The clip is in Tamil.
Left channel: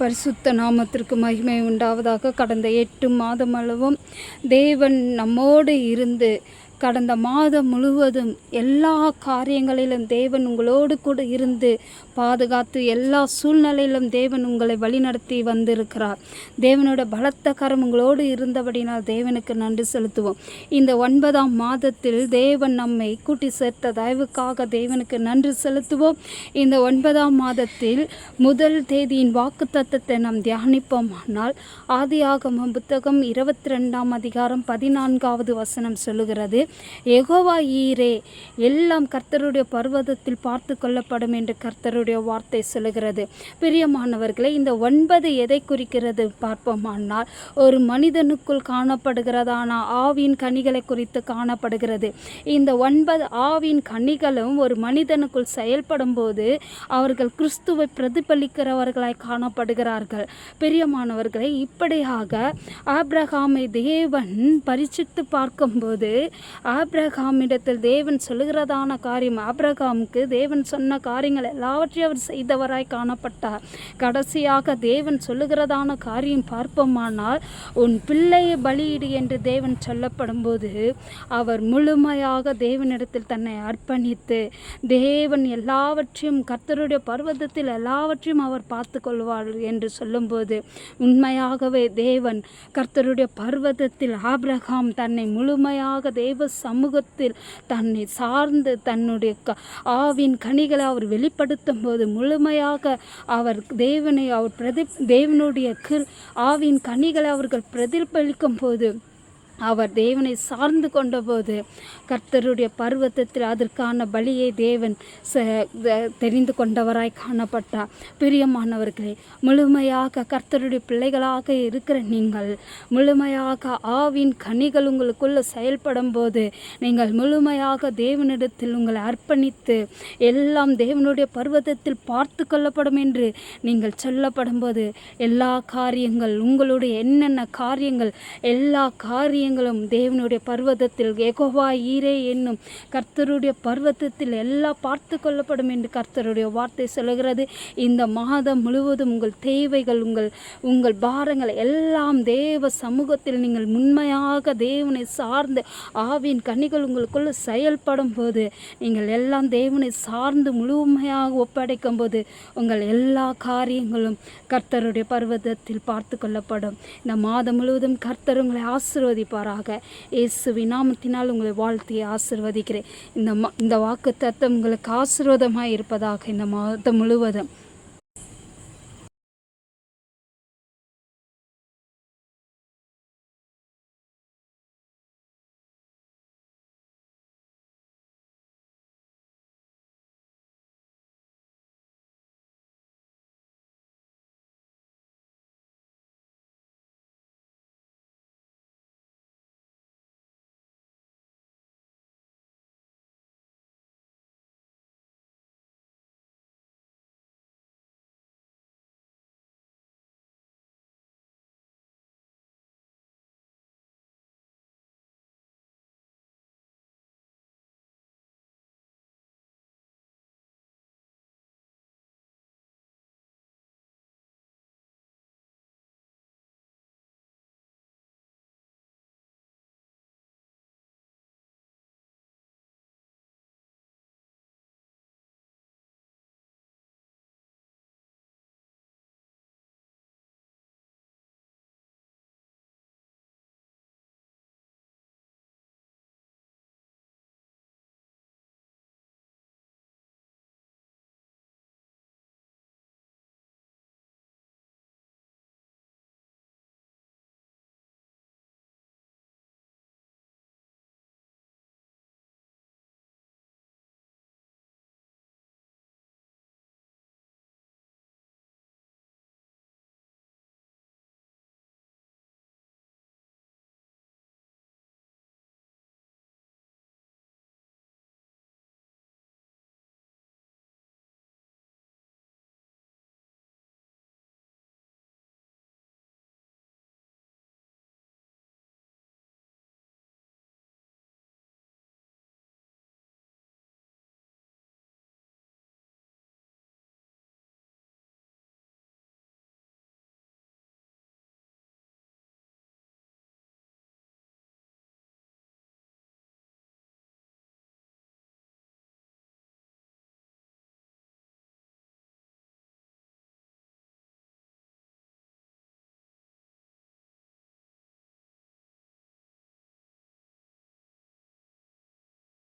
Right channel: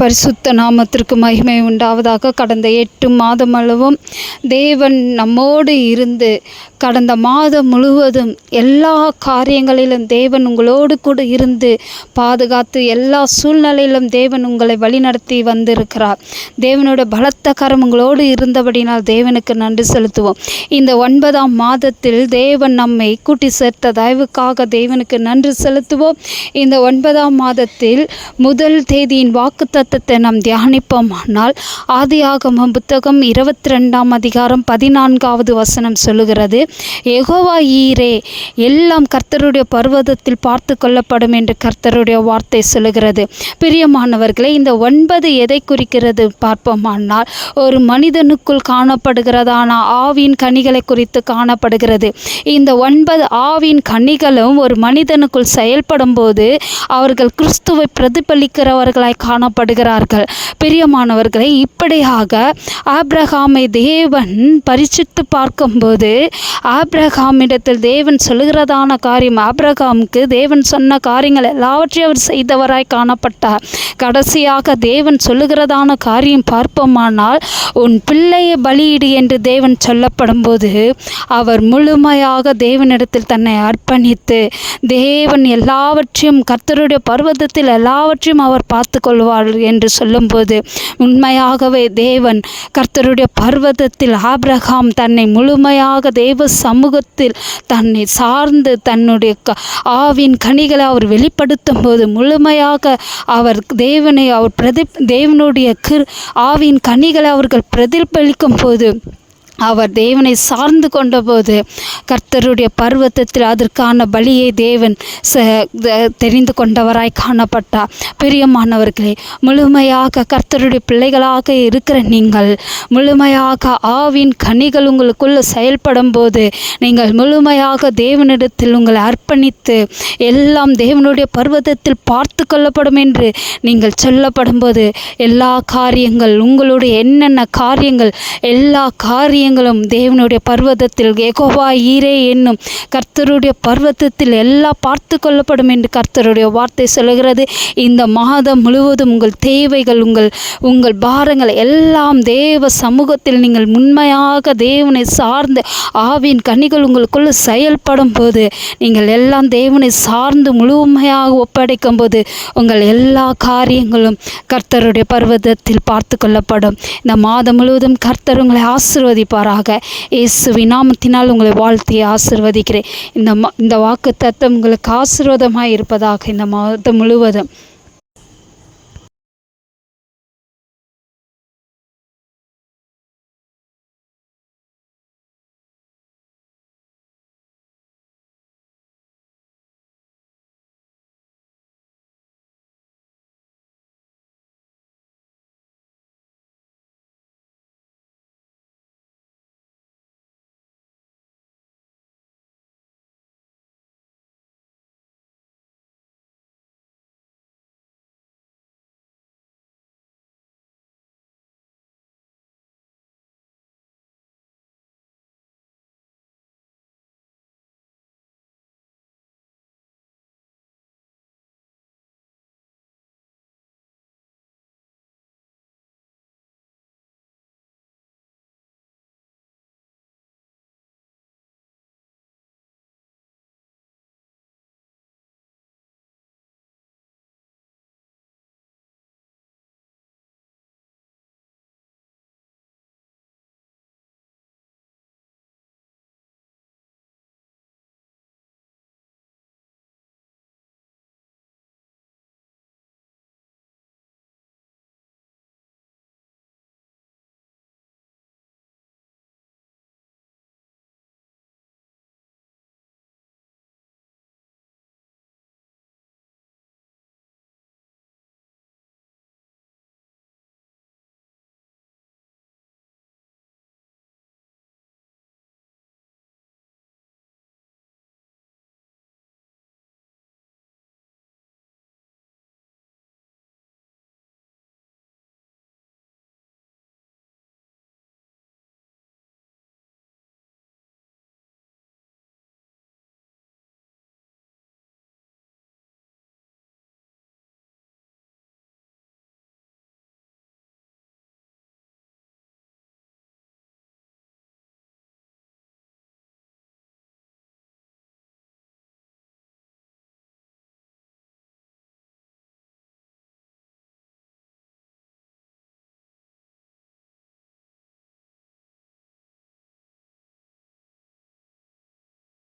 பரிசுத்த நாமத்திற்கு மகிமை உண்டாவதாக. கடந்த 8 மாதம் அளவும் தேவன் நம்மோடு இருந்து கடந்த மாதம் முழுவதும் எல்லா காரியங்களிலும் தேவன் உங்களோடு கூட இருந்து பாதுகாத்து எல்லா சூழ்நிலையிலும் தேவன் உங்களை வழிநடத்தி வந்திருக்கிறார். தேவனோட பலத்த கரம் உங்களோடு இருந்தபடினால் தேவனுக்கு நன்றி செலுத்துவோம். இந்த 9ஆம் மாதத்தில் தேவன் நம்மை கூட்டி சேர்த்த தயவுக்காக தேவனுக்கு நன்றி செலுத்துவோம். இந்த 9ஆம் மாதத்தில் முதல் தேதியின் வாக்குத்தத்தத்தை நாம் தியானிப்போமானால் ஆதியாகமம் புத்தகம் 22ஆம் அதிகாரம் 14வது வசனம் சொல்லுகிறது, யெகோவா ஈரே, எல்லாம் கர்த்தருடைய பர்வதத்தில் பார்த்து கொள்ளப்படும் என்று கர்த்தருடைய வார்த்தை சொல்லுகிறது. பிரியமானவர்களே, இந்த 9 எதை குறிக்கிறது பார்ப்போமானால் ஒரு மனிதனுக்குள் காணப்படுகிறதான ஆவியின் கனிகளை குறித்து காணப்படுகிறது. இந்த 9 ஆவியின் கனிகளும் ஒரு மனிதனுக்குள் செயல்படும் போது அவர்கள் கிறிஸ்துவை பிரதிபலிக்கிறவர்களாய் காணப்படுகிறார்கள். பிரியமானவர்களை, இப்படியாக ஆபிரகாமை தேவன் பரிசித்து பார்க்கும்போது ஆபிரகாமிடத்தில் தேவன் சொல்லுகிறதான காரியம், ஆபிரகாமுக்கு தேவன் சொன்ன காரியங்கள் எல்லாவற்றையும் அவர் செய்தவராய் காணப்பட்டார். கடைசியாக தேவன் சொல்லுகிறதான காரியம் பார்ப்போமானால் உன் பிள்ளையை பலியிடு என்று தேவன் சொல்லப்படும் போது அவர் முழுமையாக தேவனிடத்தில் தன்னை அர்ப்பணித்து தேவன் எல்லாவற்றையும் கர்த்தருடைய பர்வதத்தில் எல்லாவற்றையும் அவர் பார்த்து கொள்வார் என்று சொல்லும்போது உண்மையாகவே தேவன் கர்த்தருடைய பர்வதத்தில் ஆபிரகாம் தன்னை முழுமையாக தேவ சமூகத்தில் தன்னை சார்ந்து தன்னுடைய ஆவின் கனிகளை அவர் வெளிப்படுத்தும் போது முழுமையாக அவர் தேவனை அவர் தேவனுடைய ஆவின் கனிகளை அவர்கள் பிரதிபலிக்கும் போது அவர் தேவனை சார்ந்து கொண்டபோது கர்த்தருடைய பர்வதத்தில் அதற்கான பலியை தேவன் தெரிந்து கொண்டவராய் காணப்பட்டார். பிரியமானவர்களே, முழுமையாக கர்த்தருடைய பிள்ளைகளாக இருக்கிற நீங்கள் முழுமையாக ஆவின் கனிகள் உங்களுக்குள்ள செயல்படும் போது நீங்கள் முழுமையாக தேவனிடத்தில் உங்களை அர்ப்பணித்து எல்லாம் தேவனுடைய பர்வதத்தில் பார்த்து கொள்ளப்படும் என்று நீங்கள் சொல்லப்படும் போது எல்லா காரியங்கள் உங்களுடைய என்னென்ன காரியங்கள் எல்லா காரியங்களும் தேவனுடைய பர்வதத்தில் யெகோவா ஈரே என்னும் கர்த்தருடைய பர்வதத்தில் எல்லாம் பார்த்து கொள்ளப்படும் என்று கர்த்தருடைய வார்த்தை சொல்கிறது. இந்த மாதம் முழுவதும் உங்கள் தேவைகள் உங்கள் பாரங்கள் எல்லாம் தேவ சமூகத்தில் நீங்கள் உண்மையாக தேவனை சார்ந்து ஆவின் கனிகள் உங்களுக்குள்ள செயல்படும் போது நீங்கள் எல்லாம் தேவனை சார்ந்து முழுமையாக ஒப்படைக்கும் போது உங்கள் எல்லா காரியங்களும் கர்த்தருடைய பர்வதத்தில் பார்த்து கொள்ளப்படும். இந்த மாதம் முழுவதும் கர்த்தர் உங்களை ஆசீர்வதிப்பார். இயேசுவின் நாமத்தினால் உங்களை வாழ்த்தி ஆசீர்வதிக்கிறேன். இந்த வாக்குத்தத்தம் உங்களுக்கு ஆசீர்வாதமாய் இருப்பதாக இந்த மாதம் முழுவதும்.